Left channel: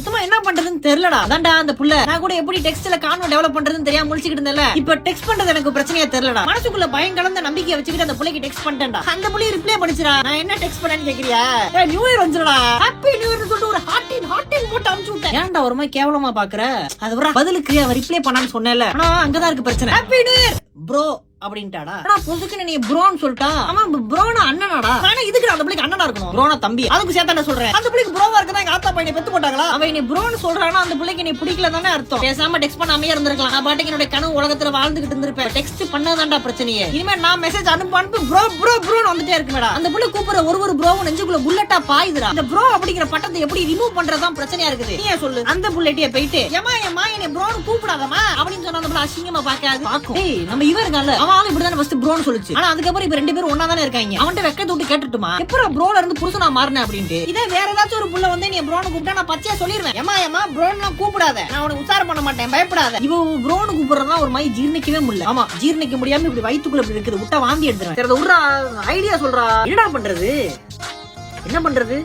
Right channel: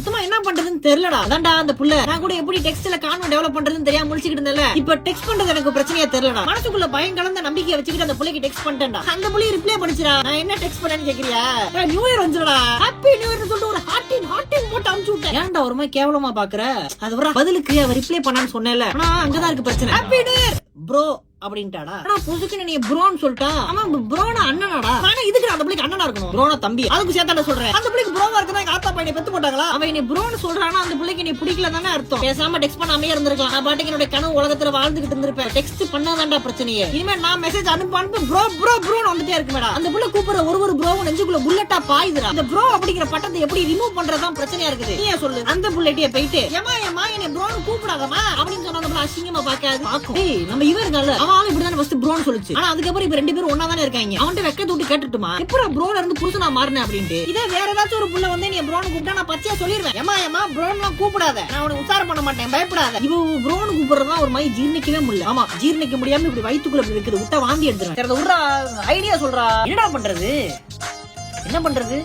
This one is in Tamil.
சுத்தமா என்ன பண்றதுன்னு தெரியலடா. அதான்டா அந்த புள்ள நான் கூட எப்படி டெக்ஸ்ட்ல கான்வென்ட் டெவலப் பண்றதுன்னு தெரியாம முழிச்சிட்டு இருந்தேன்ல. இப்ப டெக்ஸ்ட் பண்றது எனக்கு பிரச்சனையா தெரியலடா. மனசுக்குள்ள பயம் கலந்த நம்பிக்கை வச்சுக்கிட்டு அந்த புள்ளைக்கு டெக்ஸ்ட் பண்ணிட்டேன்டா. அந்த புள்ளைய ரிப்ளை பண்ணிச்சுடா. நான் என்ன டெக்ஸ்ட் பண்ணேன்னு கேக்குறியா? நியூ இயர் வந்துடா, ஹாப்பி நியூ இயர்னு சொல்லிட்டு ஒரு ஹார்ட்டின் போட்டு அனுப்பிச்சு விட்டேன். ஏன்டா ஒரு மாதிரி கேவலமா பாக்குற? அது வர பதிலுக்கு அவ ரிப்ளை பண்ணான்னு சொன்னேன்ல. ஆனா அங்கதான் இருக்கு பிரச்சனை. ஹாப்பி நியூ இயர் ப்ரோ அப்படின்ட்டாடா. புதுக்குன்னு நீ ப்ரோன்னு சொல்லிட்டா. ஆமா ப்ரோனா அண்ணனாடா. நானே இதுக்கு அந்த பிள்ளைக்கு அண்ணனா இருக்கணும். ப்ரோனா தம்பி. அதுக்கு சேர்த்தானே சொல்றேன். அந்த பிள்ளைக்கு ப்ரோவா இருக்குதா எங்க ஆத்தா பையனை பெத்து போட்டாங்களா? அவன் நீ ப்ரோன்னு சொல்றானா அந்த பிள்ளைக்கு நீ பிடிக்கல தானே அர்த்தம். பேசாம டெக்ஸ்ட் பண்ணாமயே இருந்திருக்கலாம். நான் பாட்டுக்கு என்னோட கனவு உலகத்துல வாழ்ந்துகிட்டு இருந்திருப்பேன். டெக்ஸ்ட் பண்ணாதான்டா பிரச்சனையே. இனிமே நான் மெசேஜ் அனுப்பு ப்ரோ ப்ரோ ப்ரோன்னு வந்துட்டே இருக்குமேடா. அந்த பிள்ளை கூப்பிடுற ஒரு ப்ரோவும் நெஞ்சுக்குள்ள புல்லட்டா பாயுதுடா. அந்த ப்ரோ அப்படிங்கிற பட்டத்தை எப்படி ரிமூவ் பண்றதுதான் பிரச்சனையா இருக்குது. நீ சொல்லு. அந்த புள்ளட்டிய போயிட்டு ஏமா என்னை ப்ரோன்னு கூப்பிடாதமா அப்படின்னு சொன்னா நம்ம அசிங்கமா பாக்காது. நம்ம இவன் இருக்கான்ல அவன் இப்படிதான் ஃபர்ஸ்ட் ப்ரோன்னு சொல்லுச்சு. ஆனா அதுக்கப்புறம் இப்ப ரெண்டு பேரும் ஒன்னா தானே இருக்காங்க. அவன்கிட்ட வெக்கத்தை விட்டு கேட்டுட்டுமா எப்பறம் ப்ரோல இருந்து புருஷனா மாறினேன் அப்படின்ட்டு. இதே வேற ஏதாச்சும் ஒரு புள்ள வந்து நீ ப்ரோன்னு கூப்பிட்டா நான் பச்சையா சொல்லிடுவேன். ஏமா ப்ரோன்னு கூப்பிடாத, நான் உனக்கு உசாரம் பண்ண மாட்டேன், பயப்படாத. இவ ப்ரோன்னு கூப்பிடுறதா ஒரு மாதிரி ஜீர்ணிக்கவே முடியல. ஆமா ஜீர்ணிக்க முடியாம இப்படி வயித்துக்குள்ள இப்படி இருக்குது. விட்டா வாந்தி எடுத்துறேன். ஐடியா சொல்றா. என்னடா பண்றது? என்ன பண்றது?